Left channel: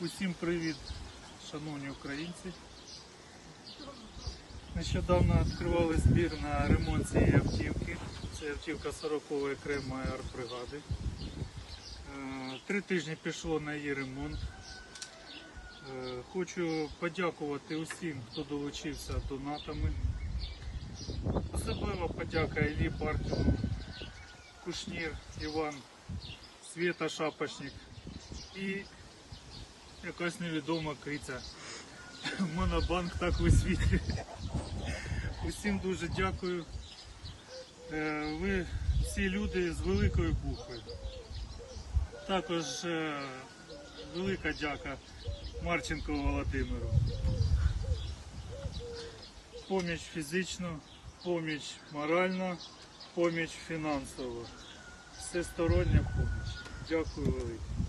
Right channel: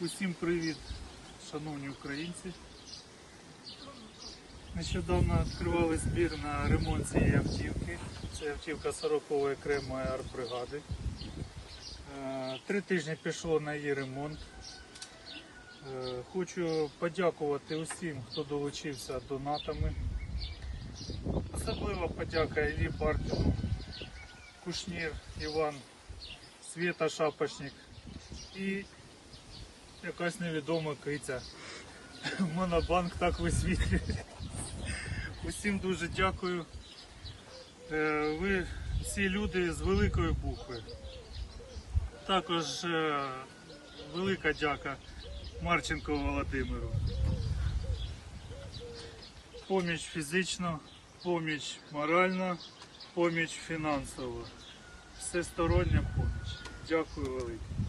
Усім привіт, шановні українці. Нещодавно відкривали збір на ремонт цієї автівки. Це автівка 40-ї окремої артбригади. Е, Три тижні пішло на її ремонт. Е, Хочу подякувати усім, хто долучився донатами. Особлива подяка Іллі Партіну, Кушнір, Іван, Свєта Шапочник і якась невідома киця. Монобанк так висвітлює. Усім дуже дякую. Е, Ви всі люди з великої букви. Також е, велика дяка Марченко Володимиру. Поміч фізично, поміч моральна, поміч фінансова. Всестороння поміч. Дякую велике.